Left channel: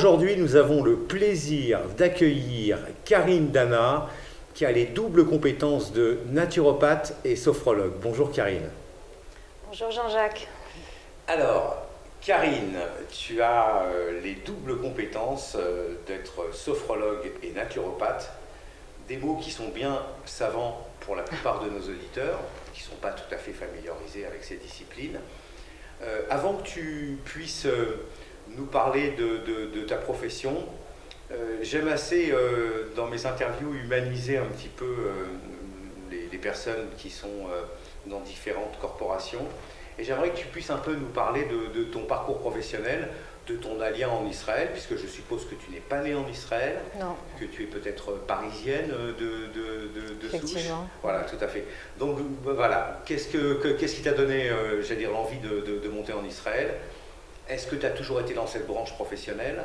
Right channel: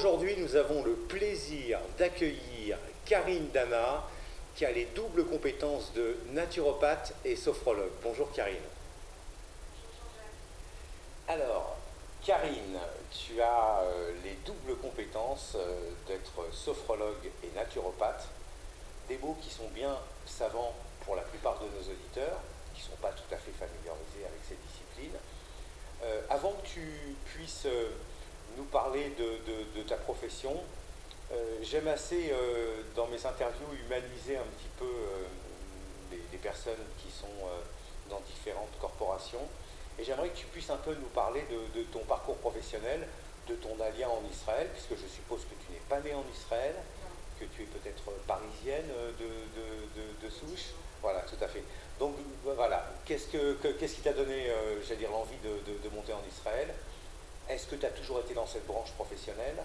aujourd'hui, nous avons le plaisir d'accueillir Karine Dana, qui a les doubles compétences de naturopathe et sophrologue. Bonjour Karine. Bonjour Jean-Jacques. Alors, Karine, tu as les doubles compétences d'être sophrologue et naturopathe, des mots qui sont bien savants pour la plupart de nos auditeurs, qui ne sont pas tout à fait familiarisés avec ces disciplines. Avant que tu puisses nous parler de ta profession, j'aime assez, dans mes interviews, humaniser un petit peu les personnes qui sont dans différentes corporations. Et j'aimerais que tu puisses un peu nous parler de ton parcours professionnel, de ton alliance en Israël, puisque je suppose que tu n'es pas née en Israël, non. Que tu es peut-être parisienne de souche. Voilà, tout à fait. Donc voilà, qu'est-ce qui t'a donné, j'allais dire, l'envie de monter en Israël? Est-ce que tu as toujours été dans cette branche professionnelle?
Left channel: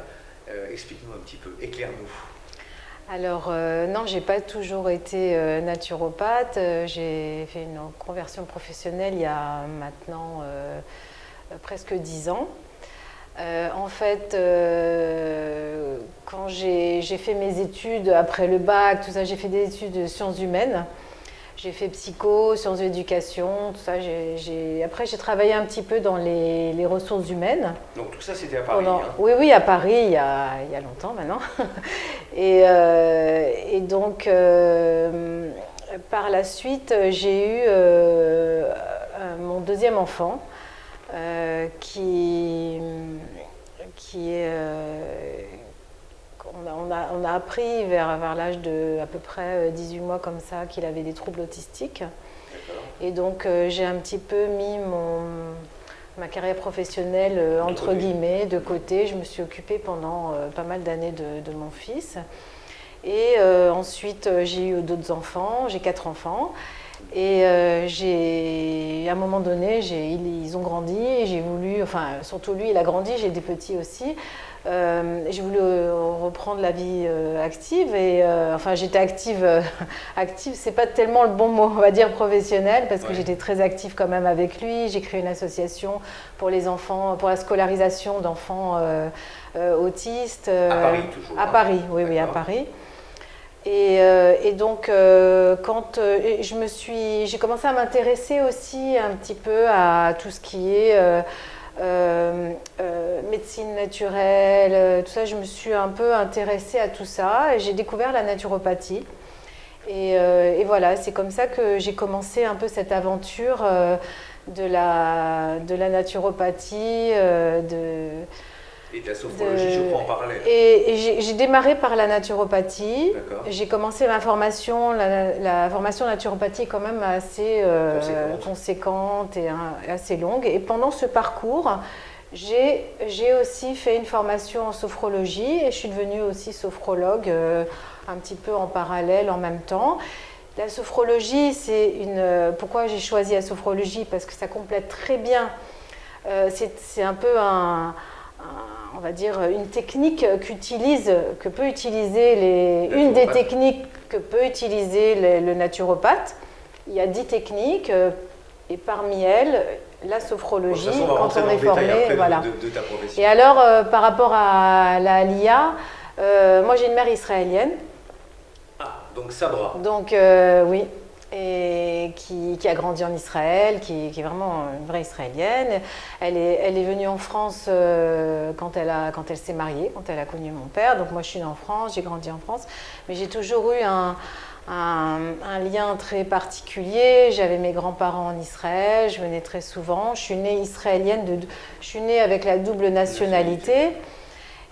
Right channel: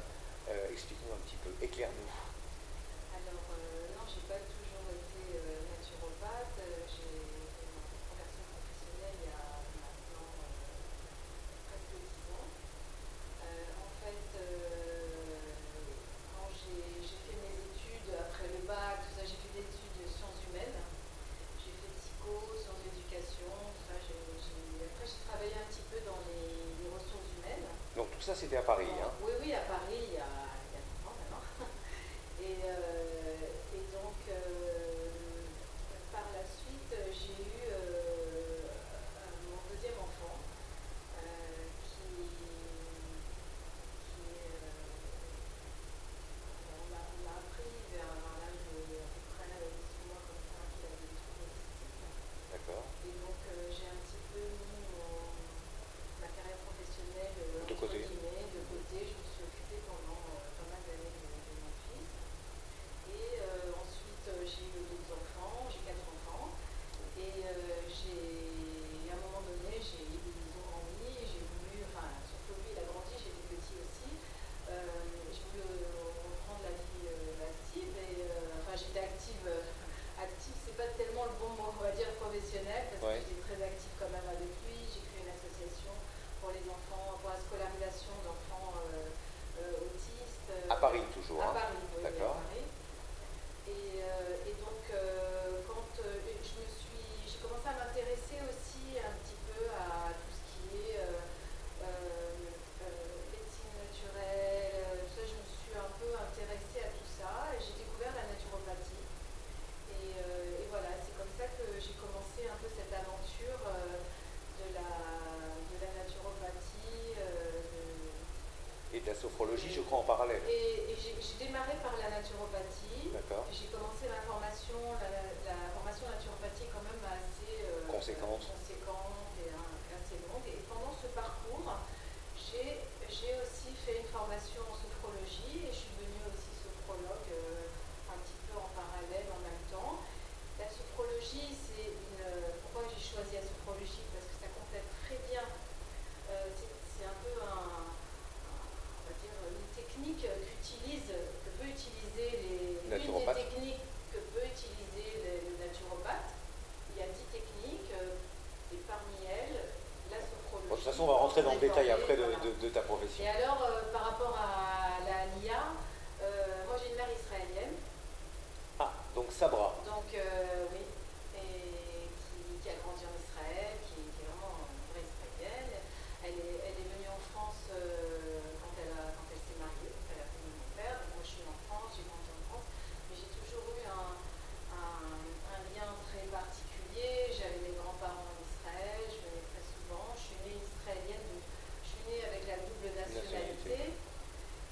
Explique-nous un petit peu, éclaire-nous. Alors non, j'ai pas toujours été naturopathe. J'ai fait une conversion professionnelle il y a maintenant presque 10 ans. En fait, quand j'ai fait mes études après le bac, tout ça, j'ai fait des études de sciences humaines. J'ai fait psycho, sciences de l'éducation, tout ça. Après, j'ai travaillé un petit peu dans les ressources humaines. Donc tout ça, c'était à Paris, hein? Oui, à Paris, il y a longtemps maintenant. Et donc, par la suite, j'ai eu mon deuxième enfant qui est... On a appris vers l'âge de à peu près 18 mois comme ça qu'il avait des troubles autistiques. Et donc j'ai un petit peu mis ma carrière professionnelle entre guillemets de côté. Je me suis occupée pendant pas mal d'années de mon fils. Et ensuite j'ai eu d'autres enfants, j'ai 4 enfants. Et à un moment donné, ils ont grandi, et j'ai voulu, enfin surtout lui il a grandi, j'ai des petits aussi. J'ai voulu reprendre la vie active et enfin j'étais active, active c'est pas tellement le bon mot, on va dire professionnel, parce que j'étais très active quand même avec lui. J'ai créé une association pour les enfants, pour la scolarisation d'enfants autistes. À Paris toujours? À Paris, oui, à Paris. Et donc, quand j'ai commencé à m'intéresser aussi un petit peu à tout ce qui est médecine naturelle, tout ça, je me suis un peu intéressée à tout ça et j'ai découvert la naturopathie. Et voilà, c'est comme ça que j'ai commencé un peu cette aventure de la naturopathie, et de la sophrologie, je crois, en parallèle. Et j'ai démarré par la naturopathie. J'ai commencé ma formation. La formation naturopathie est quand même assez conséquente et assez longue. Et pendant ce parcours, j'ai aussi fait une formation en sophrologie et je suis devenue aussi sophrologue un petit peu en parallèle, en même temps. La sophrologie, pourquoi j'ai choisi la sophrologie? Parce que ça complète très bien. C'est un peu on va dire une technique une des techniques que peut utiliser le naturopathe. Il y a 10 techniques et parmi elles, la sophrologie, quand on est formé, voilà. De ta profession. Et alors, par rapport à l'IA, moi j'ai une mère israélienne. Ah, donc Sabra. Donc oui. Et qui a grandi en Israël, qui est vraiment une vraie israélienne. Elle est venue en France quand elle s'est mariée, quand elle a connu mon père. Donc moi je suis née en France, j'ai grandi en France, mais j'ai toujours eu un lien très particulier. J'avais mes grands-parents en Israël, je venais très souvent. Je suis née israélienne, je suis née avec la double nationalité.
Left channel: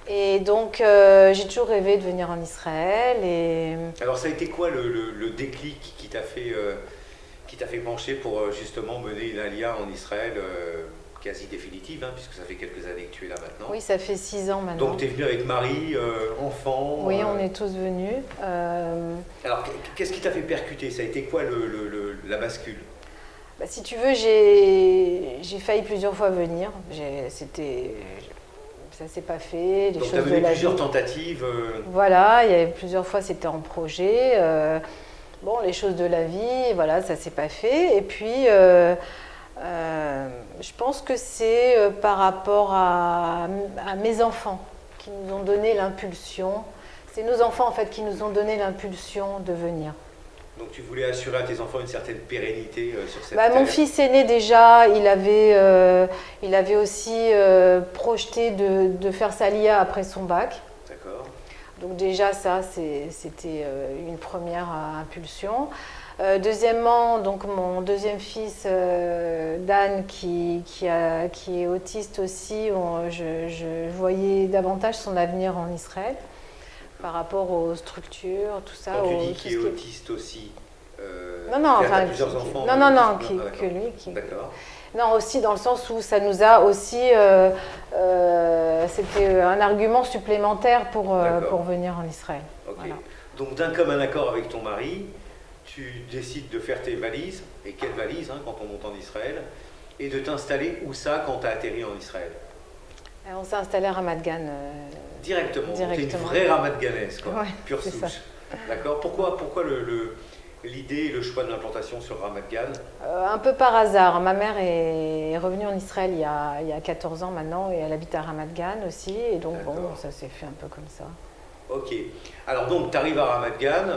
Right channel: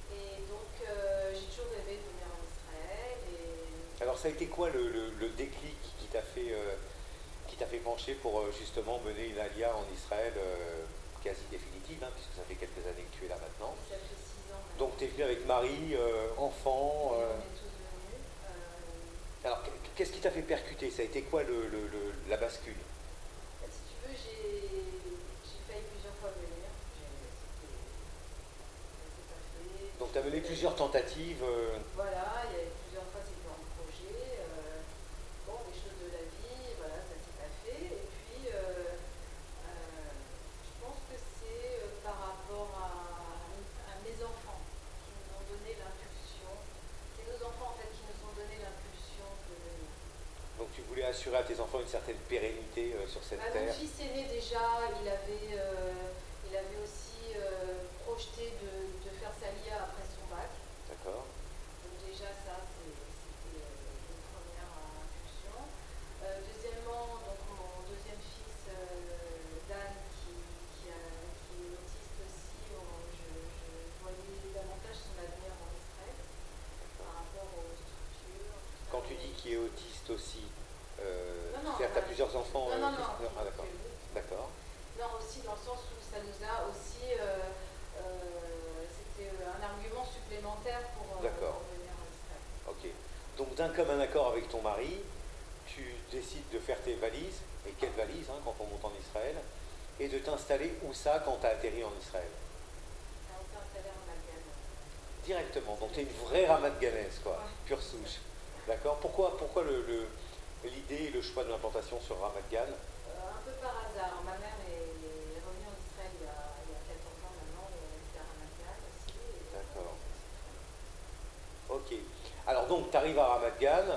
Et donc, j'ai toujours rêvé de venir en Israël. Alors, ça a été quoi le déclic qui t'a fait pencher pour justement mener une alia en Israël quasi définitive, hein, puisque ça fait quelques années que tu es là maintenant? Oui, ça fait 6 ans maintenant. Donc, tu es venue avec mari, enfant? Oui, on est tous venus. Alors, qu'est-ce qui t'a fait percuter? Ça a été quoi la bascule? Bah, si tu veux, j'ai failli plusieurs fois venir. Ça s'est pas fait. Donc tu as mené plusieurs tentatives. Voilà, il y avait plusieurs fois, c'était en projet. Bon, les choses de la vie, voilà, ça s'est pas fait. Et puis, je pense que c'est par rapport à mes enfants qui nous ont donné l'impulsion. C'est nos enfants en fait qui nous ont donné l'impulsion de venir. Donc tu voulais assurer à tes enfants une certaine pérennité sur cette terre. Mon fils aîné déjà, il avait aussi projeté de faire sa LIA après son bac. D'accord. Donc déjà ça, c'était une première impulsion. Deuxièmement, donc mon deuxième fils, Dan, qui est autiste aussi, je voyais davantage son avenir en Israël par rapport aux structures, tout ça. Quand tu dis qu'il est autiste aussi, non, enfin, plusieurs enfants. Non, que lui. D'accord. Non, aussi dans le sens où ça nous a aussi, c'était un argument supplémentaire pour venir en Israël. Okay. Voilà. Donc d'un commun accord avec ton mari, tu décides de faire tes valises, et quelles valises quand on monte en Israël, et de t'installer où ça quand tu as atterri en Israël? On s'est installé à Ramat Gan. Directement. Tu es une vraie Ramat Ganaise, quoi, ouais, pure souche. D'accord. Pourquoi l'idée et le choix de l'implantation sur Ramat Gan? Un peu par hasard. Ma mère est revenue en Israël il y a 14 ans maintenant, et elle habite à Ramat Gan aussi, et donc bon, ça s'est fait un peu comme ça. Ok. Alors donc, tu arrives à Ramat Gan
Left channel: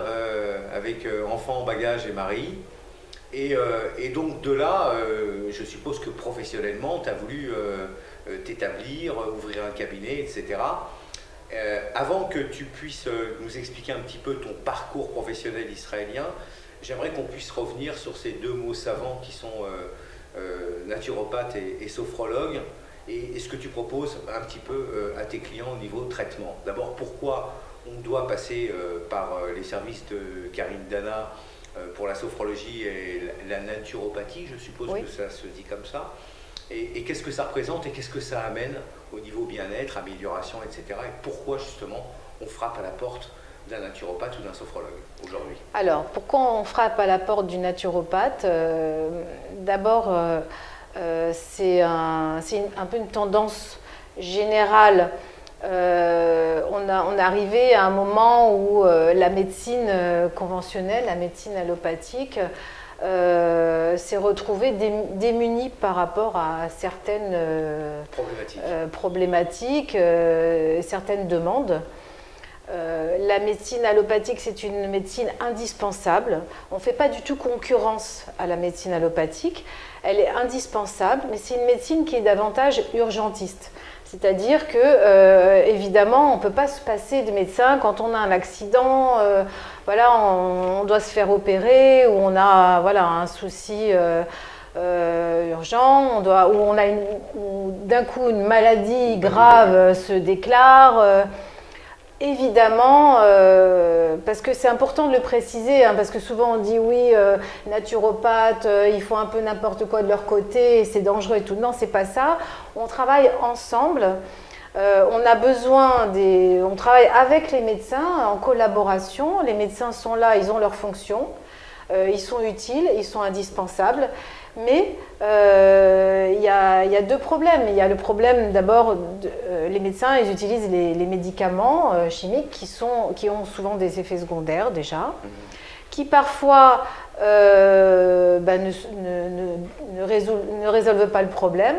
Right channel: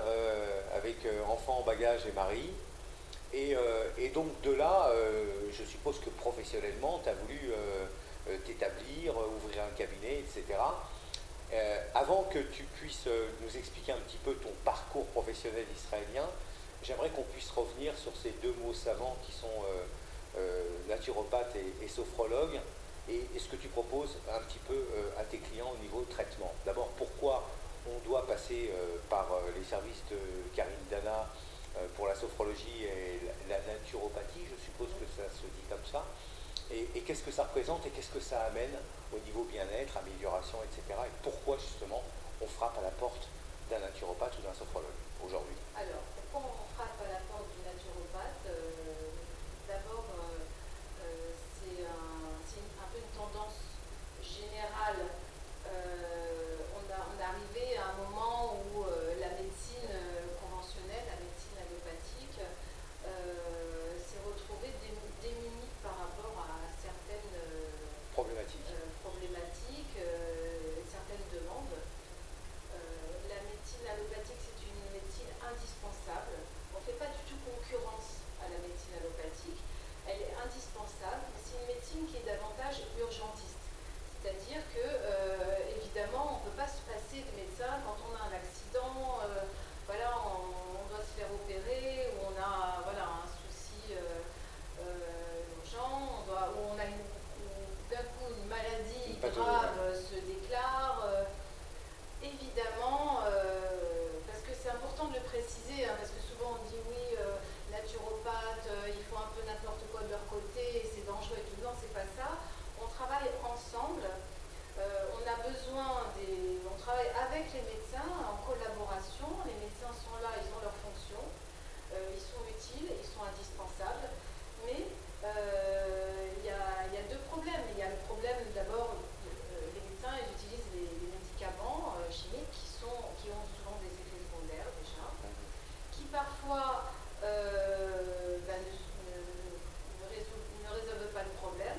avec enfant, bagage et mari. Et donc de là, je suppose que professionnellement, tu as voulu t'établir, ouvrir un cabinet, etc. Avant que tu puisses nous expliquer un petit peu ton parcours professionnel israélien, j'aimerais qu'on puisse revenir sur ces deux mots savants qui sont naturopathe et sophrologue. Et ce que tu proposes un petit peu à tes clients au niveau de traitement. D'abord, pourquoi on doit passer par les services de Karine Dana pour la sophrologie et la naturopathie, je suppose que ça se dit comme ça. Et qu'est-ce que ça représente et qu'est-ce que ça amène au niveau bien-être, amélioration, etc. Et pourquoi justement on frappe à la porte d'un naturopathe ou d'un sophrologue aujourd'hui? Alors, pourquoi on frappe à la porte du naturopathe? D'abord, c'est un peu une tendance générale. On est arrivé à un moment où la médecine conventionnelle, la médecine allopathique, s'est retrouvée démunie par rapport à certaines problématiques, certaines demandes. La médecine allopathique, c'est une médecine indispensable. On ne fait pas du tout concurrence à la médecine allopathique. Elle est indispensable, mais c'est une médecine qui est davantage urgentiste. C'est-à-dire que, évidemment, on ne peut pas se passer de médecin quand on a un accident, on doit se faire opérer, ou on a un souci urgent, ou d'un coup une maladie grave se déclare. Évidemment, parce que c'est important de le préciser, parce que souvent on dit oui, naturopathes, ils font un peu n'importe quoi de leur côté, c'est dangereux et tout. Non, c'est pas ça. On travaille ensemble. On a besoin on travaille avec les médecins en collaboration. Les médecins sont là, ils ont leur fonction, ils sont utiles, ils sont indispensables. Mais il y a deux problèmes. Il y a le problème d'abord, les médecins ils utilisent les médicaments chimiques qui ont souvent des effets secondaires déjà, qui parfois ne résolvent pas le problème.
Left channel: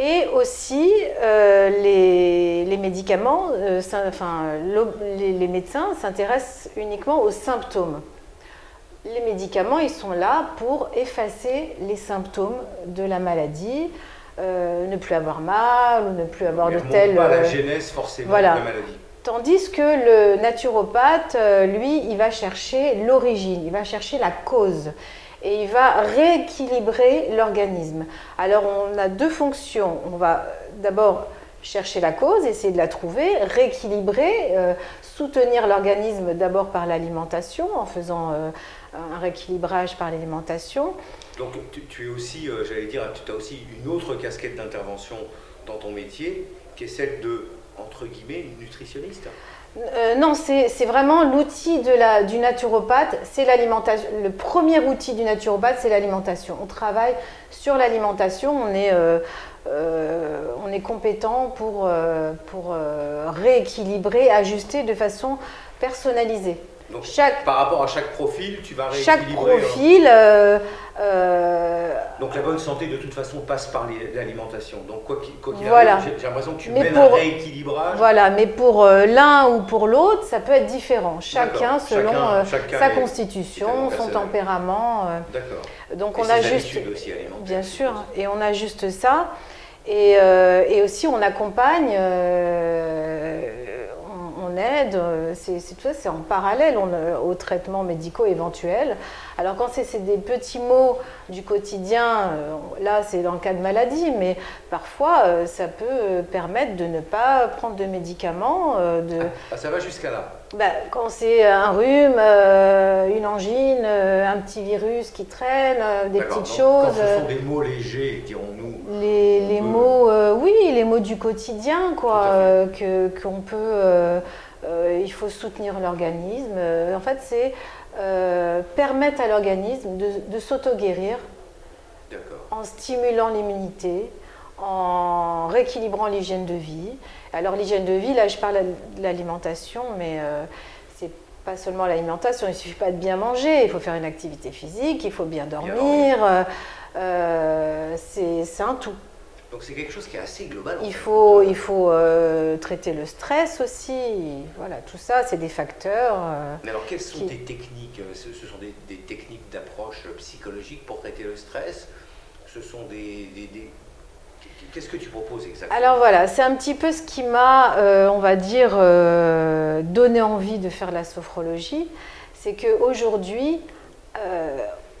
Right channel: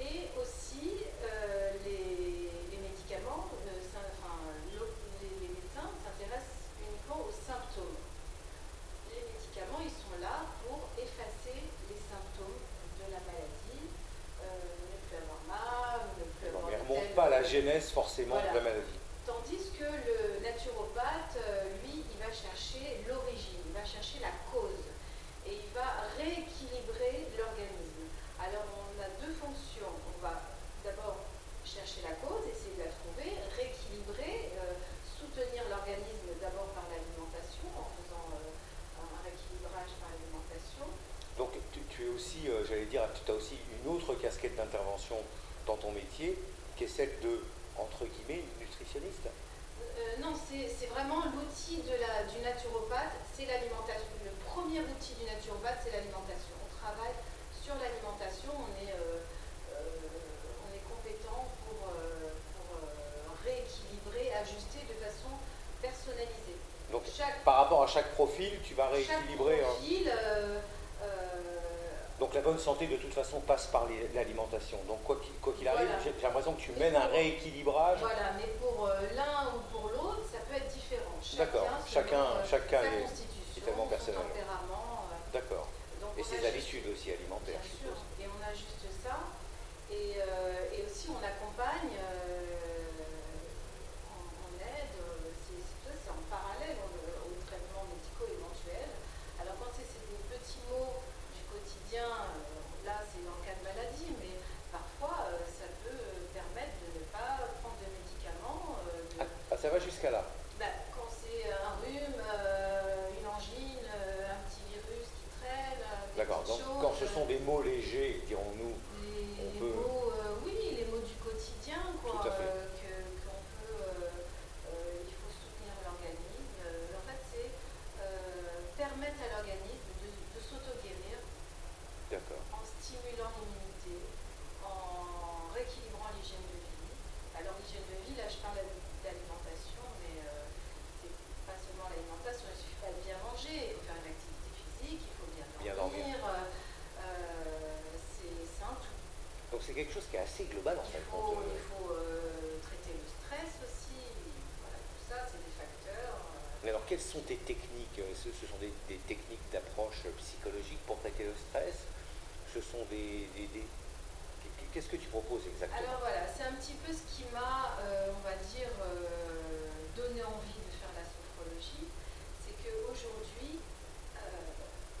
Et aussi, les médicaments, les médecins s'intéressent uniquement aux symptômes. Les médicaments, ils sont là pour effacer les symptômes de la maladie, ne plus avoir mal ou ne plus avoir de telle... pas la genèse forcément de la maladie. Tandis que le naturopathe, lui, il va chercher l'origine, il va chercher la cause. Et il va rééquilibrer l'organisme. Alors, on a deux fonctions. On va d'abord chercher la cause, essayer de la trouver, rééquilibrer, soutenir l'organisme d'abord par l'alimentation, en faisant un rééquilibrage par l'alimentation. Donc, tu es aussi, tu as aussi une autre casquette d'intervention dans ton métier, qui est celle de, entre guillemets, nutritionniste. Non, c'est vraiment l'outil du naturopathe, c'est l'alimentation. Le premier outil du naturopathe, c'est l'alimentation. On travaille sur l'alimentation, on est compétent pour rééquilibrer, ajuster de façon personnalisée. Donc, par rapport à chaque profil, tu vas chaque rééquilibrer. Profil. Donc la bonne santé, de toute façon, passe par l'alimentation. Donc quoi qu'il voilà. arrive, j'ai l'impression que tu mènes un rééquilibrage. Voilà, mais pour l'un ou pour l'autre, ça peut être différent. Chacun selon sa constitution, son tempérament. D'accord. Donc et on a ses juste, habitudes aussi alimentaires. bien sûr, et on a juste ça. Et aussi on accompagne, on aide, c'est en parallèle aux traitements médicaux éventuels. Alors quand c'est des petits maux du quotidien, là c'est dans le cas de maladie, mais parfois ça peut permettre de ne pas prendre de médicaments. Ça va jusqu'à là. Quand c'est un rhume, une angine, un petit virus qui traîne, des petites choses. Quand ce sont des maux légers, dirons-nous. Les maux, oui, les maux du quotidien, quoi, qu'on peut. Il faut soutenir l'organisme. En fait, c'est permettre à l'organisme de s'auto-guérir en stimulant l'immunité, en rééquilibrant l'hygiène de vie. Alors l'hygiène de vie, là je parle de l'alimentation, mais c'est pas seulement l'alimentation, il ne suffit pas de bien manger, il faut faire une activité physique, il faut bien dormir, c'est un tout. Donc c'est quelque chose qui est assez global. Il faut traiter le stress aussi, voilà, tout ça c'est des facteurs. Mais alors quelles sont tes techniques? Ce sont des techniques d'approche psychologique pour traiter le stress? Ce sont Qu'est-ce que tu proposes exactement? Alors voilà, c'est un petit peu ce qui m'a, on va dire, donné envie de faire la sophrologie. C'est qu'aujourd'hui,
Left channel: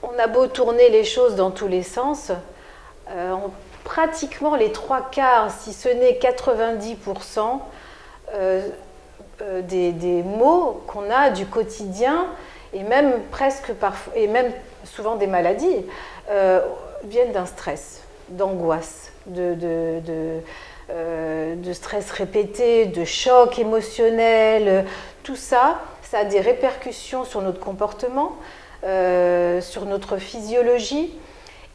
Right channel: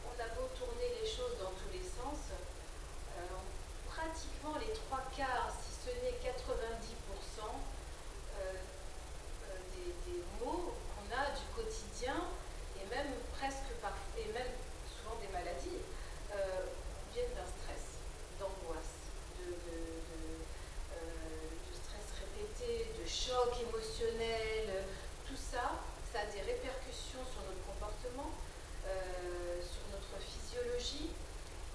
on a beau tourner les choses dans tous les sens, pratiquement les 3/4, si ce n'est 90% des maux qu'on a du quotidien, et même presque parfois, et même souvent des maladies, viennent d'un stress, d'angoisse. De stress répété, de choc émotionnel, tout ça, ça a des répercussions sur notre comportement, sur notre physiologie.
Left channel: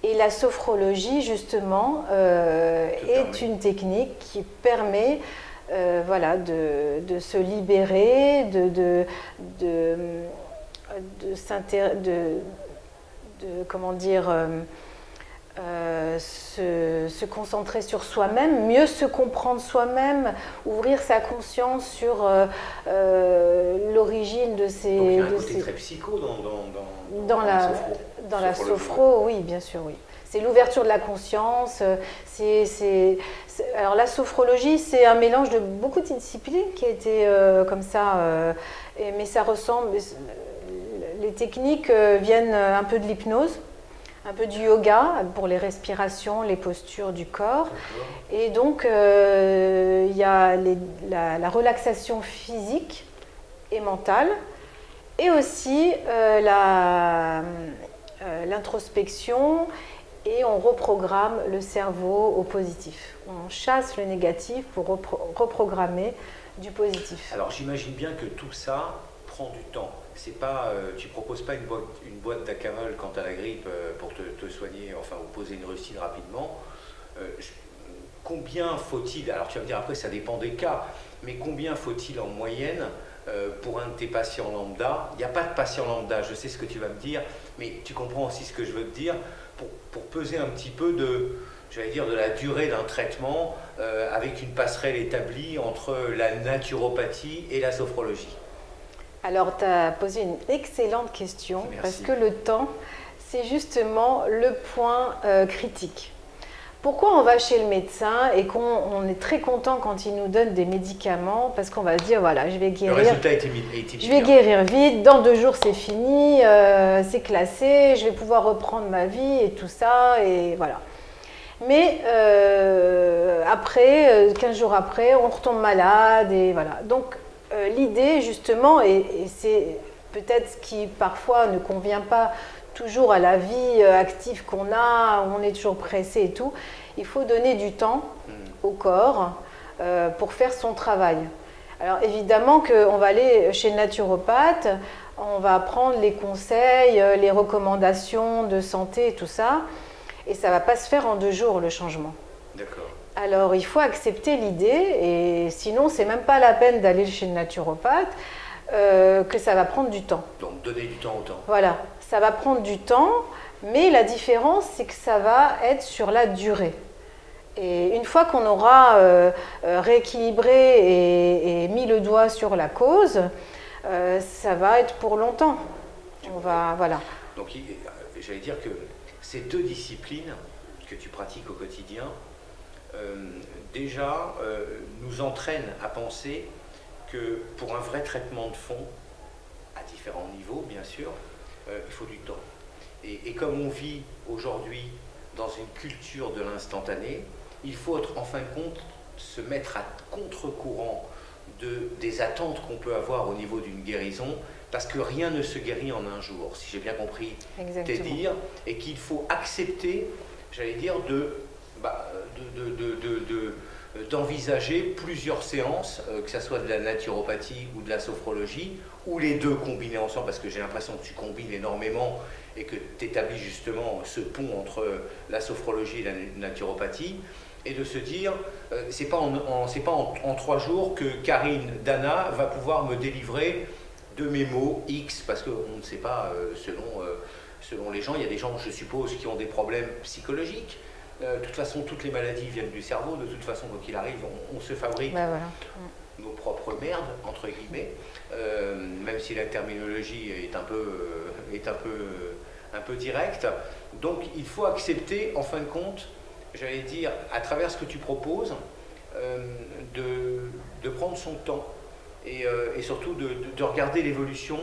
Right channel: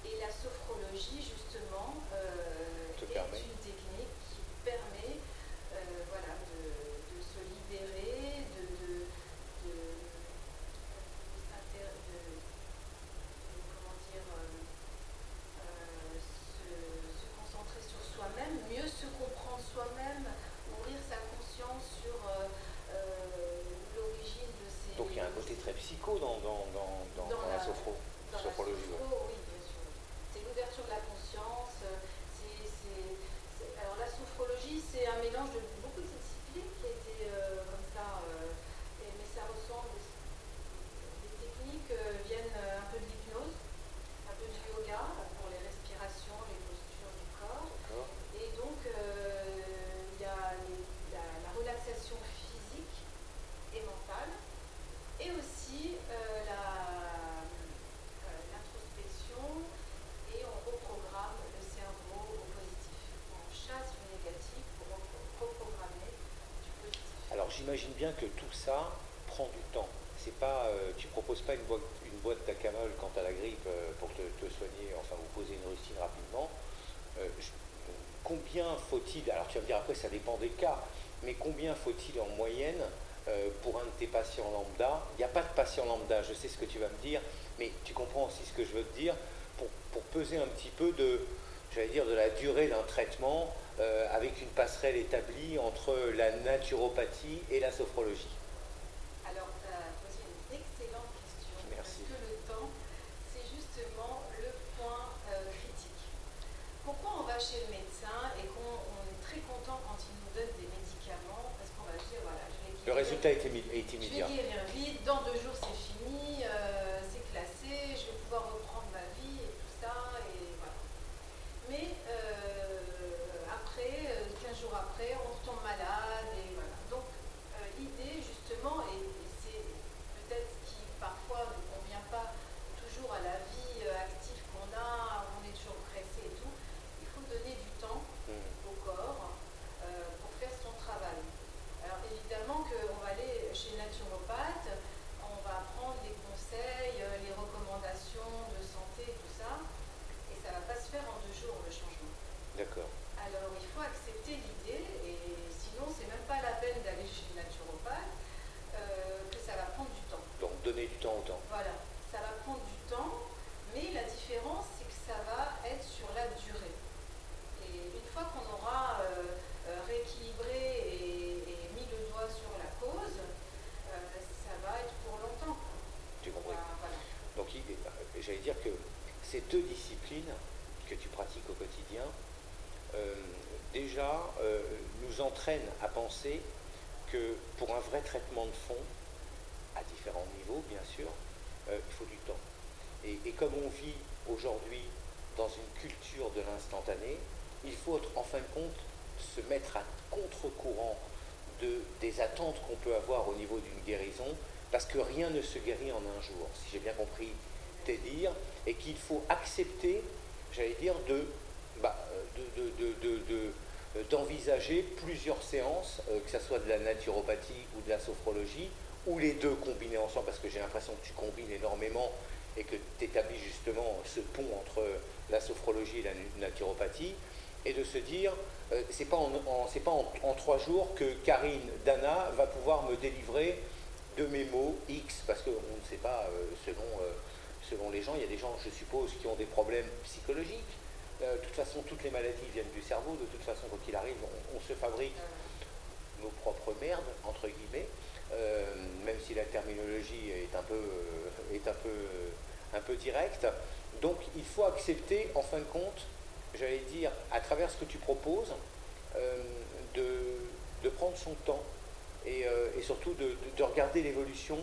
Et la sophrologie, justement, est une technique qui permet voilà, de se libérer, comment dire, se concentrer sur soi-même, mieux se comprendre soi-même, ouvrir sa conscience sur l'origine de ces... Donc il y a un côté très psycho dans la sophro, oui, bien sûr, oui. C'est l'ouverture de la conscience. Alors la sophrologie, c'est un mélange de beaucoup de disciplines qui a été comme ça, mais ça ressemble... Les techniques viennent un peu de l'hypnose, un peu du yoga pour les respirations, les postures du corps. Et donc, il y a la relaxation physique et mentale, et aussi l'introspection, et on reprogramme le cerveau au positif. On chasse le négatif pour reprogrammer du positif. Alors, j'imagine bien que tout ça prend du temps. C'est pas, tu proposes pas une boîte d'acamol quand tu as la grippe pour te soigner, enfin, ou poser une rustine rapidement. Combien faut-il, alors tu vas me dire après ça dépend des cas, mais combien faut-il en moyenne pour un de tes patients lambda? Il n'y a pas de patient lambda, je sais ce que tu vas me dire, mais tu comprends aussi ce que je veux te dire, pour peser un petit peu de la durée d'un traitement avec une passerelle établie entre la naturopathie et la sophrologie. Alors, tu as posé une excellente question. Merci. Parce que le temps, c'est justement le point critique. Pourquoi on va chez le médecin et qu'on est très content quand il nous donne des médicaments? Parce qu'on va se dire, voilà, je vais guérir. Le résultat est immédiat. Je vais guérir vite, dans 2 jours c'est fini, c'est classé, je vais pouvoir reprendre ma vie et tout ça, et voilà. Mais après, 15 jours après, on retombe malade, et voilà. Donc, l'idée, justement, et c'est peut-être ce qui parfois ne convient pas toujours à la vie active qu'on a, où on est toujours pressé et tout, il faut donner du temps au corps pour faire son travail. Alors évidemment qu'on va aller chez le naturopathe, on va prendre les conseils, les recommandations de santé et tout ça, et ça ne va pas se faire en 2 jours le changement. D'accord. Alors, il faut accepter l'idée, et sinon, c'est même pas la peine d'aller chez le naturopathe. que ça va prendre du temps. Donc donner du temps au temps. Voilà, ça va prendre du temps, mais la différence, c'est que ça va être sur la durée. Et une fois qu'on aura rééquilibré et mis le doigt sur la cause, ça va être pour longtemps. Voilà. Donc j'allais dire que ces deux disciplines que tu pratiques au quotidien, déjà nous entraînent à penser que pour un vrai traitement de fond, à différents niveaux bien sûr, il faut du temps. Et comme on vit aujourd'hui dans une culture de l'instantané, il faut en fin de compte se mettre à contre-courant des attentes qu'on peut avoir au niveau d'une guérison, parce que rien ne se guérit en un jour, si j'ai bien compris tes dires, et qu'il faut accepter, j'allais dire, d'envisager plusieurs séances, que ce soit de la naturopathie ou de la sophrologie, ou les deux combinés ensemble, parce que j'ai l'impression que tu combines énormément et que tu établis justement ce pont entre la sophrologie et la naturopathie, et de se dire, c'est pas en 3 jours que Karine Dana va pouvoir me délivrer de mes mots X, parce qu'on ne sait pas, selon les gens, il y a des gens, je suppose, qui ont des problèmes psychologiques. De toute façon, toutes les maladies viennent du cerveau, de toute façon, quoi qu'il arrive, on se fabrique nos propres merdes, entre guillemets, même si la terminologie est un peu directe. Donc, il faut accepter, en fin de compte, j'allais dire, à travers ce que tu proposes, de prendre son temps et surtout de regarder l'évolution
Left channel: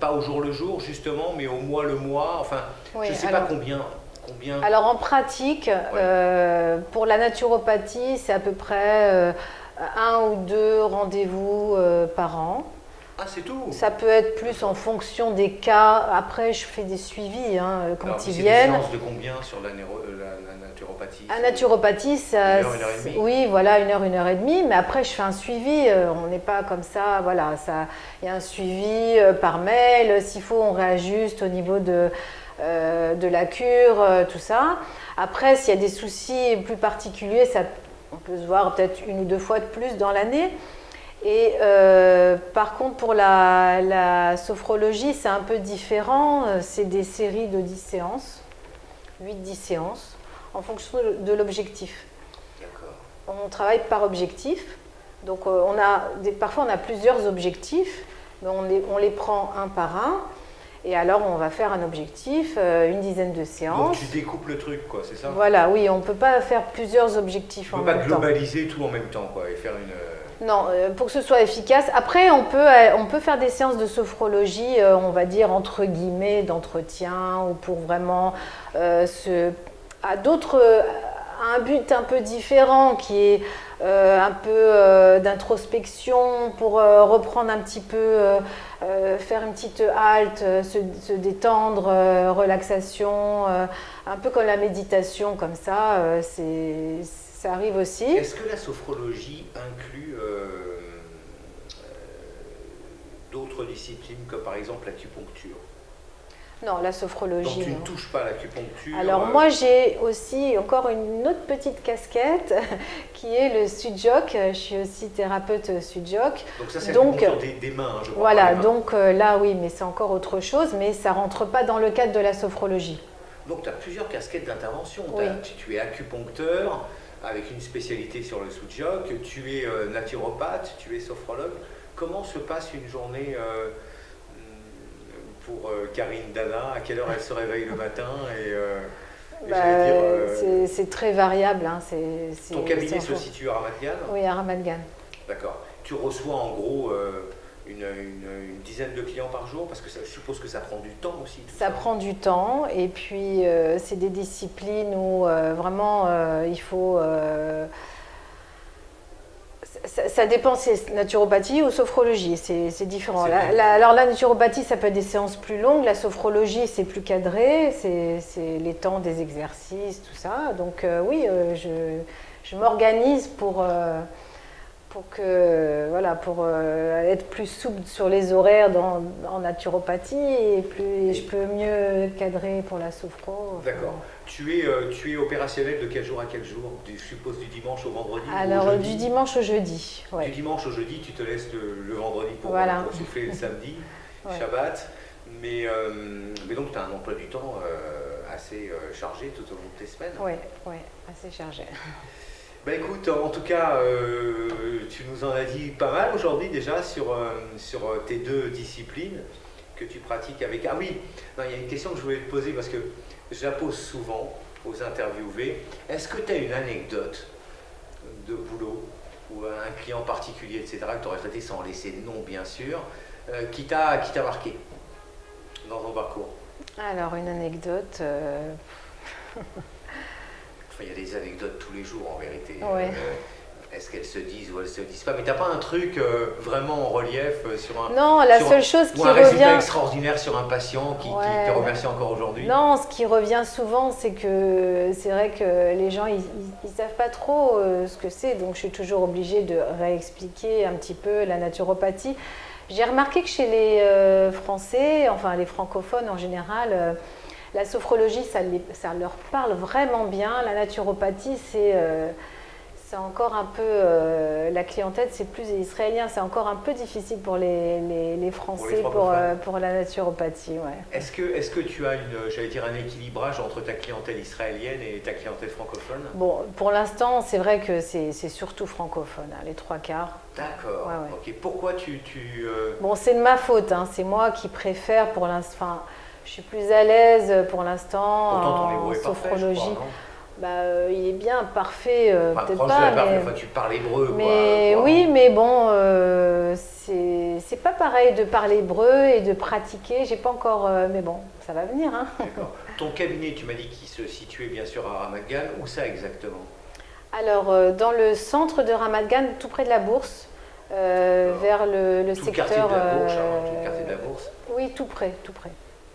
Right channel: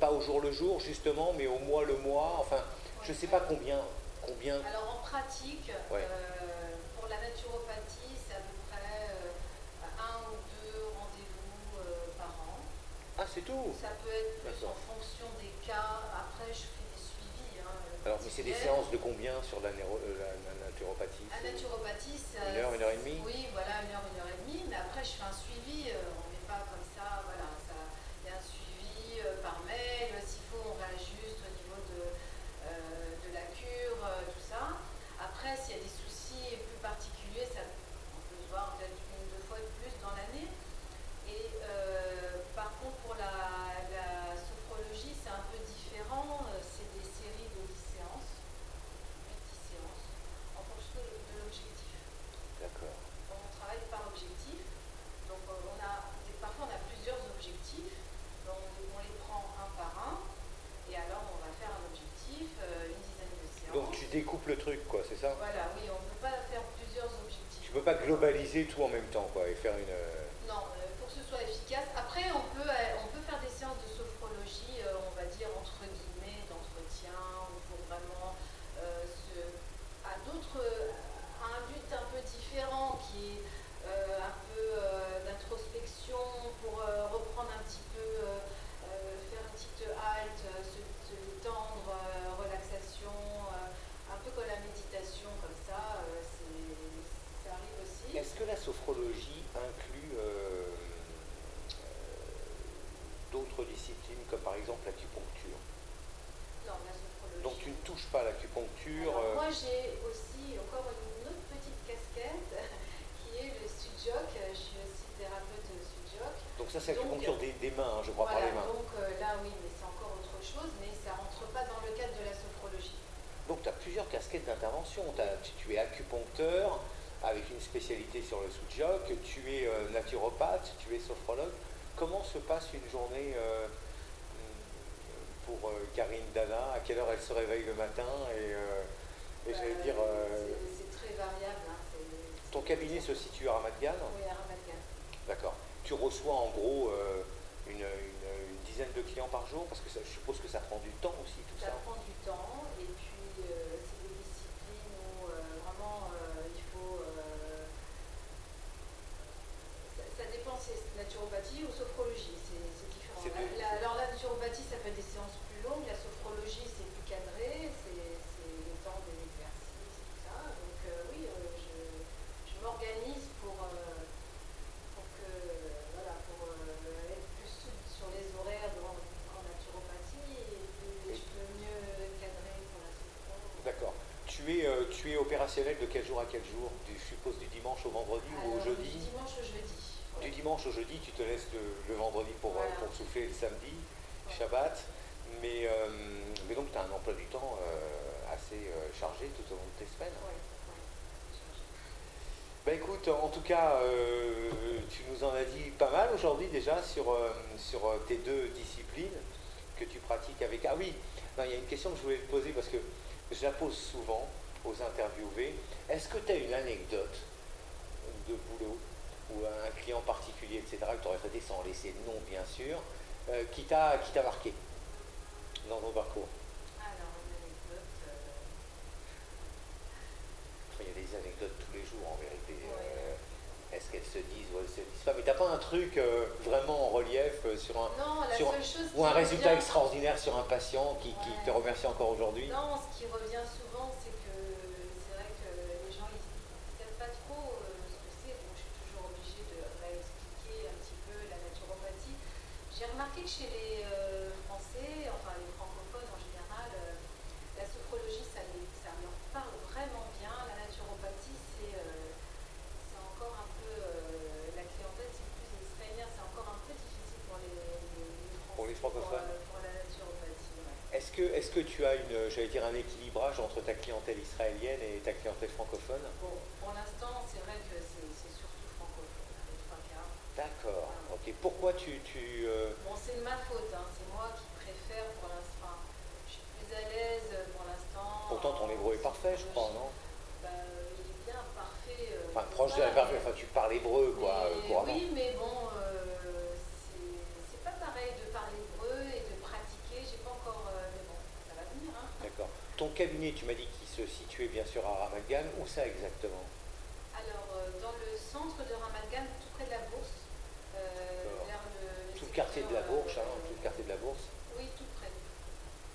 pas au jour le jour justement, mais au mois le mois, enfin, oui, je ne sais pas combien. Alors en pratique, pour la naturopathie, c'est à peu près 1 ou 2 rendez-vous par an. Ah, c'est tout. Ça peut être plus en fonction des cas. Après, je fais des suivis quand alors, ils viennent. C'est des séances de combien sur la naturopathie? La naturopathie, ça, 1 heure, 1 heure et demie. Oui, voilà, 1 heure, 1 heure et demie. Mais après, je fais un suivi. On n'est pas comme ça. Voilà, il y a un suivi par mail. S'il faut, on réajuste au niveau de la cure, tout ça. Après, s'il y a des soucis plus particuliers, on peut se voir peut-être 1 ou 2 fois de plus dans l'année. Et par contre, pour la sophrologie, c'est un peu différent. C'est des séries de 10 séances, 8-10 séances, en fonction de l'objectif. D'accord. On travaille par objectif. Donc, parfois, on a plusieurs objectifs, mais on les prend un par un. Et alors, on va faire un objectif, une dizaine de séances. Donc, tu découpes le truc, quoi, c'est ça? Voilà, oui, on ne peut pas faire plusieurs objectifs en même temps. On ne peut pas globaliser tout en même temps, quoi, et faire une... Non, pour que ce soit efficace. Après, on peut faire des séances de sophrologie, on va dire, entre guillemets, d'entretien, ou pour vraiment à un but un peu différent, qui est un peu d'introspection, pour reprendre un petit peu, faire une petite halte, se détendre, relaxation, un peu comme la méditation, comme ça, ça arrive aussi. Est-ce que la sophrologie inclut d'autres disciplines, comme par exemple l'acupuncture? Non, la sophrologie. Donc tu ne touches pas à l'acupuncture? Alors moi, j'ai aussi encore une autre petite casquette qui est le Sujok. Je suis aussi thérapeute Sujok. Donc ça, c'est l'acupuncture des mains, je crois. Voilà, donc là, oui, mais c'est encore autre chose, mais ça ne rentre pas dans le cadre de la sophrologie. Donc tu as plusieurs casquettes d'intervention. Oui. Tu es acupuncteur, avec une spécialité sur le Sujok, tu es naturopathe, tu es sophrologue. Comment se passe une journée pour Karine Dana? À quelle heure elle se réveille le matin? C'est très variable. Hein. Ton cabinet se situe à Ramat Gan? Oui, à Ramat Gan. D'accord. Tu reçois en gros une dizaine de clients par jour? Parce que je suppose que ça prend du temps aussi. Ça prend du temps, et puis c'est des disciplines où vraiment il faut... ça dépend si c'est naturopathie ou sophrologie, c'est différent. Alors la naturopathie, ça peut être des séances plus longues, la sophrologie, c'est plus cadré, c'est les temps des exercices, tout ça. Donc oui, je m'organise pour être plus souple sur les horaires en naturopathie, et je peux mieux cadrer pour la sophro. D'accord. Tu es opérationnel de quel jour à quel jour? Je suppose du dimanche au vendredi? Alors, du dimanche au jeudi. Ouais. Du dimanche au jeudi, tu te laisses le vendredi pour souffler le samedi, Shabbat. Mais donc, tu as un emploi du temps assez chargé tout au long de tes semaines. Oui, assez chargé. Bah écoute, en tout cas, tu nous en as dit pas mal aujourd'hui déjà sur tes deux disciplines que tu pratiques avec... Ah oui, il y a une question que je voulais te poser parce que je la pose souvent aux interviewés. Est-ce que tu as une anecdote de boulot ou un client particulier, etc., que tu aurais traité sans laisser de nom, bien sûr, qui t'a marqué dans ton parcours? Alors, une anecdote... Il y a des anecdotes tous les jours, en vérité. Ouais. Est-ce qu'elles se disent ou elles se disent pas? Mais t'as pas un truc vraiment en relief sur un... Non, la seule chose qui revient... un résultat revient... extraordinaire sur un patient qui te remercie encore aujourd'hui? Non, ce qui revient souvent, c'est que c'est vrai que les gens, ils savent pas trop ce que c'est. Donc, je suis toujours obligée de réexpliquer un petit peu la naturopathie. J'ai remarqué que chez les Français, enfin les francophones en général... la sophrologie, ça leur parle vraiment bien. La naturopathie, c'est encore un peu... la clientèle, c'est plus israélien. C'est encore un peu difficile pour les Français pour la naturopathie. Ouais. Est-ce que tu as un équilibrage entre ta clientèle israélienne et ta clientèle francophone? Bon, pour l'instant, c'est vrai que c'est surtout francophone, les 3/4. D'accord. Ok. Pourquoi Bon, c'est de ma faute. C'est moi qui préfère pour l'instant... Je suis plus à l'aise pour l'instant en sophrologie. Il est bien parfait, peut-être pas. Mais... tu parles hébreu. Mais oui, mais bon, c'est pas pareil de parler hébreu et de pratiquer. J'ai pas encore, mais bon, ça va venir. D'accord. Ton cabinet, tu m'as dit qu'il se situait bien sûr à Ramat Gan. Où ça exactement? Alors, dans le centre de Ramat Gan, tout près de la Bourse, vers le secteur. Tout le quartier de la Bourse. Oui, tout près, tout près.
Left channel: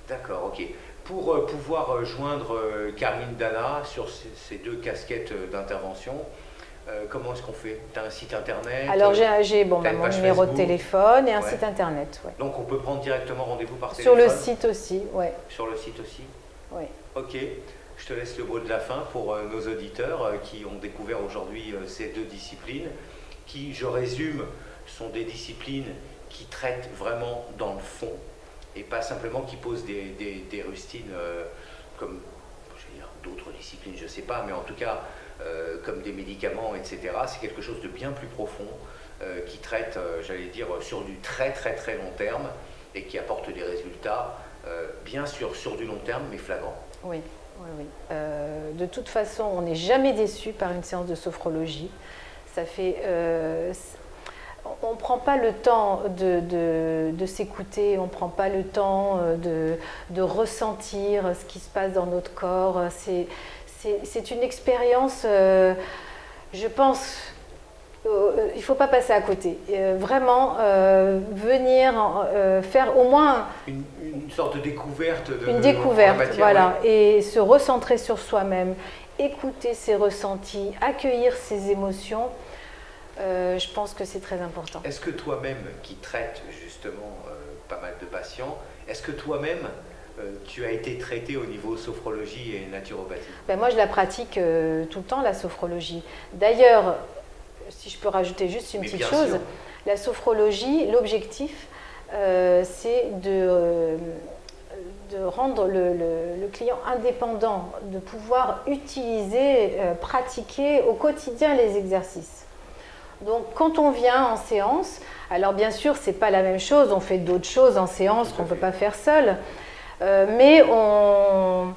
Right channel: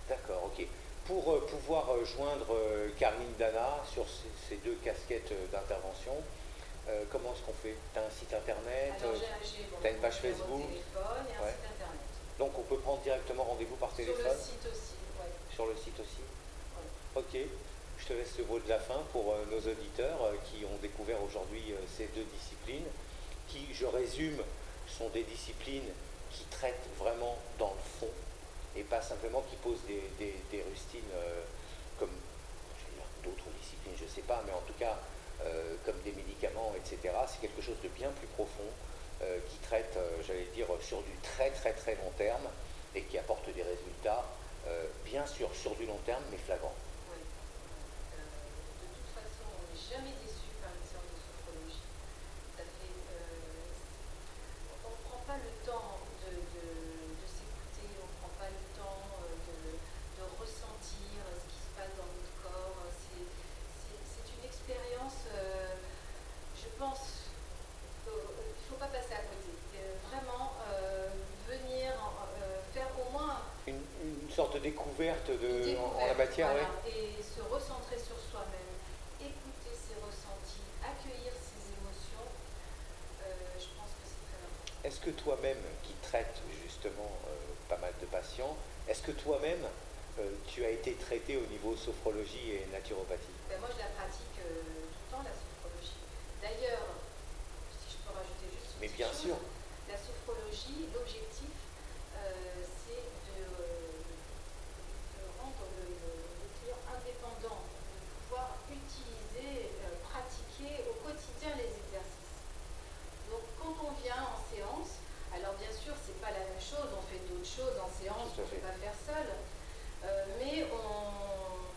D'accord, ok. Pour pouvoir joindre Karine Dana sur ces deux casquettes d'intervention, comment est-ce qu'on fait? Tu as un site internet? Alors j'ai mon numéro Facebook, de téléphone et un site internet. Ouais. Donc on peut prendre directement rendez-vous par téléphone? Sur le site aussi, oui. Sur le site aussi? Oui. Ok, je te laisse le mot de la fin pour nos auditeurs qui ont découvert aujourd'hui ces deux disciplines qui, je résume, sont des disciplines qui traitent vraiment dans le fond et pas simplement qui posent des rustines comme d'autres disciplines, je ne sais pas, mais en tout cas comme des médicaments, etc. C'est quelque chose de bien plus profond qui traite, j'allais dire, sur du très très très long terme et qui apporte des résultats, bien sûr, sur du long terme, mais flagrants. Oui. De toute façon, on n'est jamais déçu par une séance de sophrologie. Ça fait... on ne prend pas le temps de s'écouter, on ne prend pas le temps de ressentir ce qui se passe dans notre corps. C'est une expérience, je pense, il ne faut pas passer à côté. Vraiment, venir faire au moins... Une sorte de découverte. Une découverte, voilà, et se recentrer sur soi-même, écouter ses ressentis, accueillir ses émotions. Je pense que c'est très important. Est-ce que toi-même, qui traites justement pas mal de patients, est-ce que toi-même, tu as été traité au niveau sophrologie et naturopathie? Moi, je la pratique tout le temps, la sophrologie. D'ailleurs, si je peux rajouter juste une petite chose, la sophrologie, l'objectif, c'est de rendre le client indépendant, de pouvoir utiliser, pratiquer au quotidien les exercices. Donc, quand on vient en séance, alors bien sûr, ce n'est pas la même chose, on fait d'autres choses en séance qu'on ne peut pas faire seul, mais on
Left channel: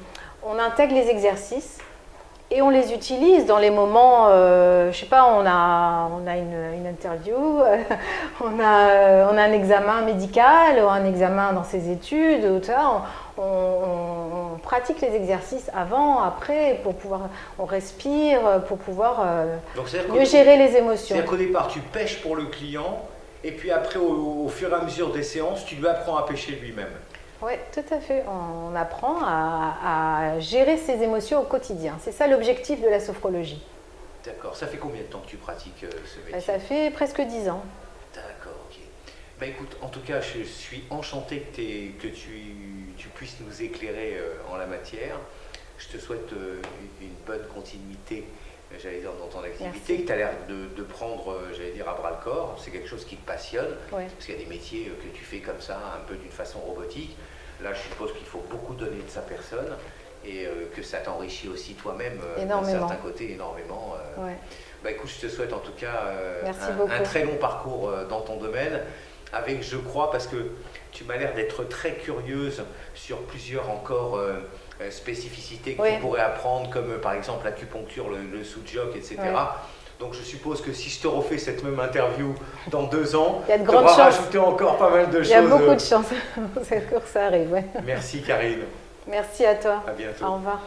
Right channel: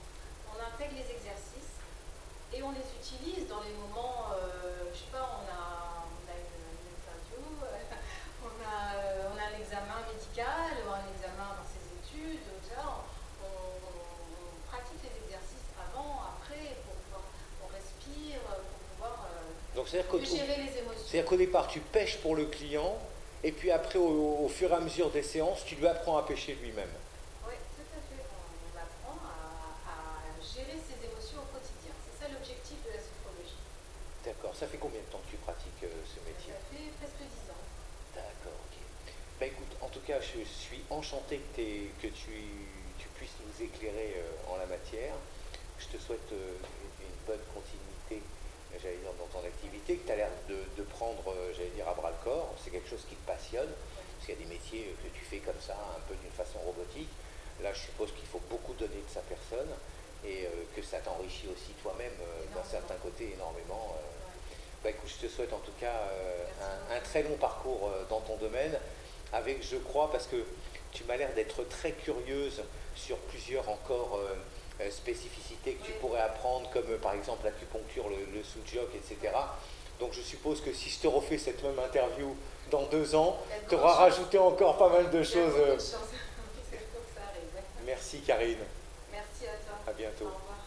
intègre les exercices et on les utilise dans les moments, je ne sais pas, on a une interview, on a un examen médical ou un examen dans ses études, on pratique les exercices avant, après, pour pouvoir, on respire, pour pouvoir mieux gérer les émotions. C'est-à-dire qu'au départ, tu pêches pour le client, et puis après, au fur et à mesure des séances, tu lui apprends à pêcher lui-même. Oui, tout à fait. On apprend à gérer ses émotions au quotidien. C'est ça l'objectif de la sophrologie. D'accord. Ça fait combien de temps que tu pratiques ce métier? Ça fait presque 10 ans. D'accord, ok. Écoute, en tout cas, je suis enchanté que tu puisses nous éclairer en la matière. je te souhaite une bonne continuité, j'allais dire, dans ton activité, que tu as l'air de prendre, j'allais dire, à bras le corps. C'est quelque chose qui te passionne, parce qu'il y a des métiers que tu fais comme ça, un peu d'une façon robotique. Là, je suppose qu'il faut beaucoup donner de sa personne et que ça t'enrichit aussi toi-même d'un certain côté énormément. Bah, écoute, je te souhaite en tout cas un très long parcours dans ton domaine, avec, je crois, parce que tu m'as l'air d'être très curieuse sur plusieurs encore spécificités que tu pourrais apprendre, comme par exemple l'acupuncture, le sous-joc, etc. Donc je suppose que si je te refais cette même interview dans 2 ans, tu auras rajouté encore pas mal de choses. Il y a beaucoup de chance que ça arrive. Merci Karine. Merci à toi. À bientôt. Au revoir.